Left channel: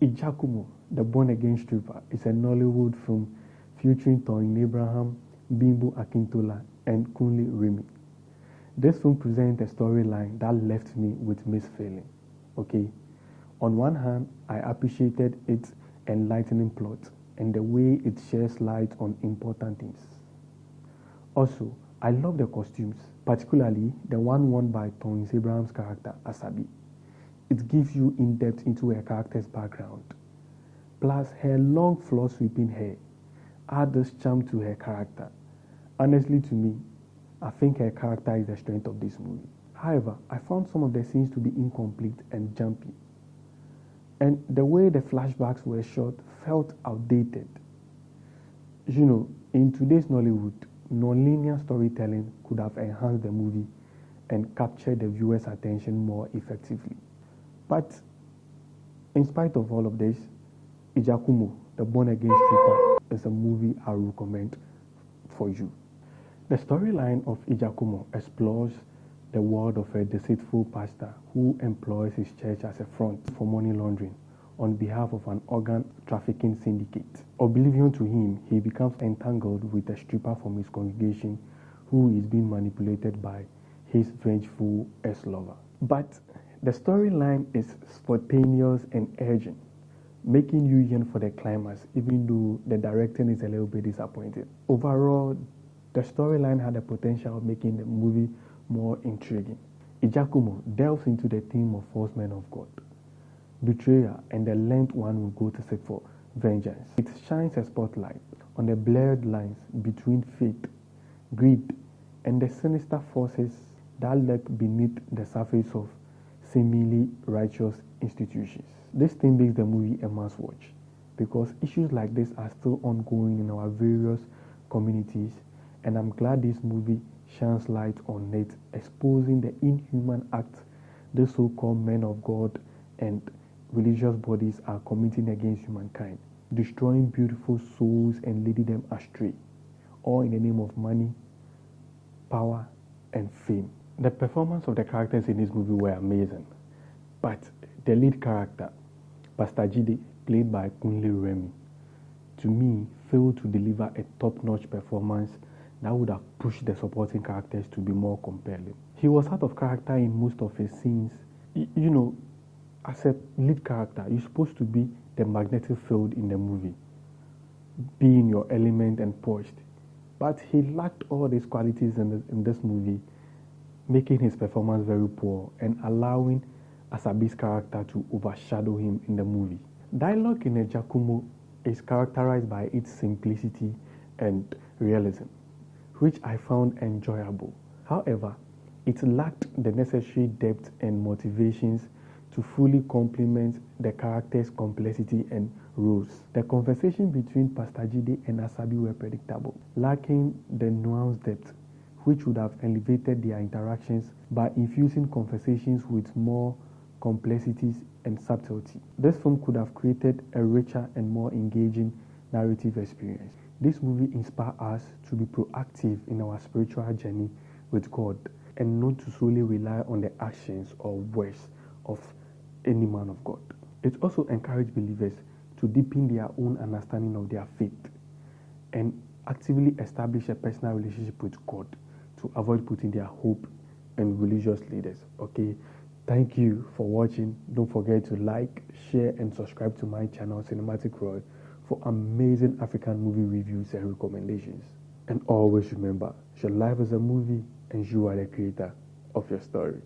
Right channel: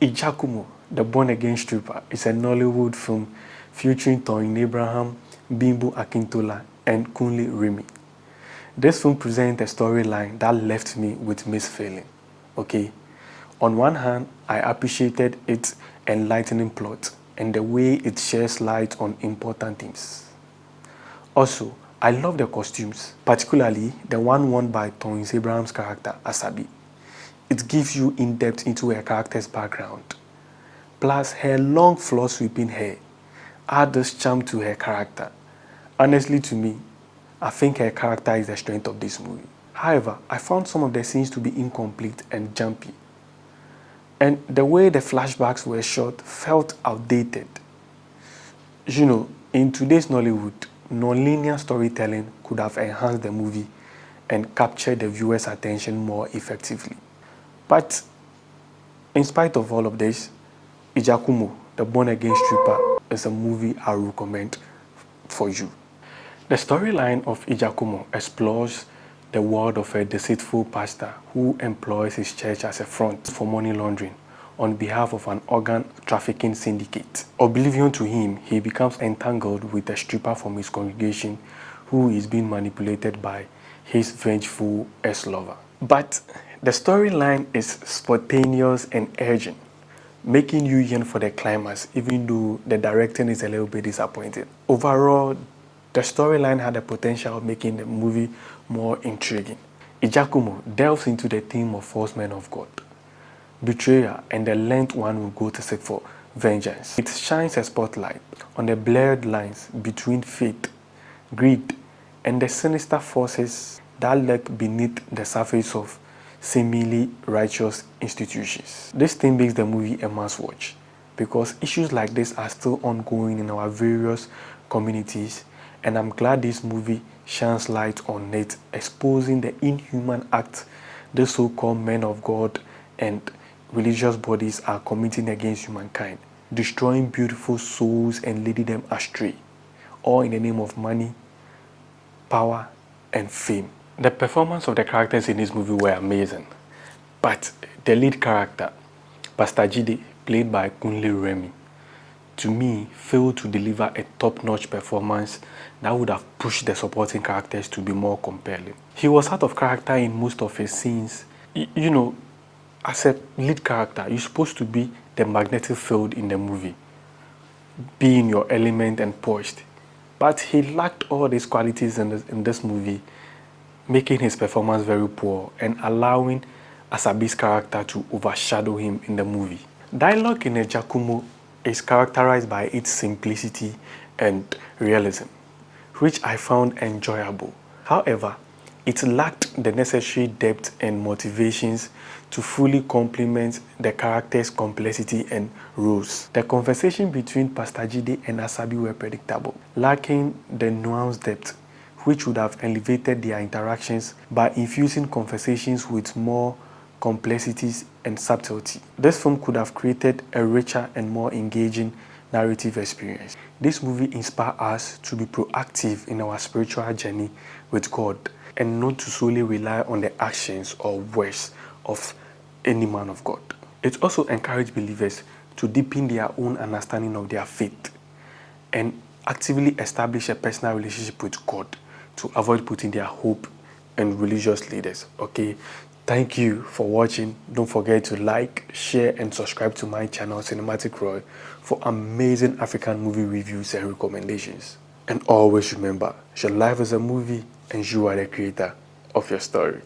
IJAKUMO, the born-again stripper, is a Nollywood film featuring Toyin Abraham, Bimbo Akintola, and Kunle Remi. This film presents a storyline that left me with mixed feeling. Okay, on one hand, I appreciated its enlightening plot and the way it sheds light on important themes. Also, I love the costumes, particularly the one worn by Toyin Abraham's character, Asabi. It gives you in-depth into her character's background. Plus, her long floor-sweeping hair adds this charm to her character. Honestly, to me, I think her character is the strength of this movie. However, I found some of the scenes to be incomplete and jumpy. And the way the flashbacks were shot felt outdated. You know, in today's Nollywood, non-linear storytelling could have enhanced the movie and captured the viewer's attention more effectively. But in spite of all of this, IJAKUMO, the born-again stripper, is a movie I recommend for you. The storyline of IJAKUMO explores the world of a deceitful pastor who employs his church as a front for money laundering on behalf of an organ trafficking syndicate. Oblivion to him, he becomes entangled with a stripper from his congregation who is being manipulated by his vengeful ex-lover. But the storyline is spontaneous and urgent, making you yearn for the climax, even though the directing is a little bit disappointing. Overall, the storyline had the potential of making the movie more intriguing. IJAKUMO delves into the theme of false men of God, betrayal, and the length one will go to seek for vengeance. It shines a spotlight on the blurred lines between faith, greed, and the sinister forces that lurk beneath the surface of seemingly righteous institutions. This thing makes the movie a must-watch because issues like this are still ongoing in our various communities, and I'm glad this movie shines light on it, exposing the inhuman acts the so-called men of God and religious bodies are committing against humankind, destroying beautiful souls and leading them astray, all in the name of money, power, and fame. The performance of the characters in this movie were amazing, but the lead character, Pastor Jide, played by Kunle Remi, to me, failed to deliver a top-notch performance that would have pushed the supporting characters to be more compelling. He was out of character in most of his scenes. You know, as a lead character, you're supposed to be the magnetic field in the movie, be in your element and poised. But he lacked all these qualities in this movie, making his performance very poor and allowing Asabi's character to overshadow him in the movie. Dialogue in IJAKUMO is characterized by its simplicity and realism, which I found enjoyable. However, it lacked the necessary depth and motivations to fully complement the character's complexity and roles. The conversation between Pastor Jide and Asabi were predictable, lacking the nuanced depth which would have elevated their interactions by infusing conversations with more complexities and subtlety. This film could have created a richer and more engaging narrative experience. This movie inspires us to be proactive in our spiritual journey with God and not to solely rely on the actions or words of any man of God. It also encourages believers to deepen their own understanding of their faith and actively establish a personal relationship with God to avoid putting their hope in religious leaders. Okay, thank you for watching. Don't forget to like, share, and subscribe to my channel, CinematicRoy, for amazing African movie reviews and recommendations. And always remember, your life is a movie and you are the creator of your story.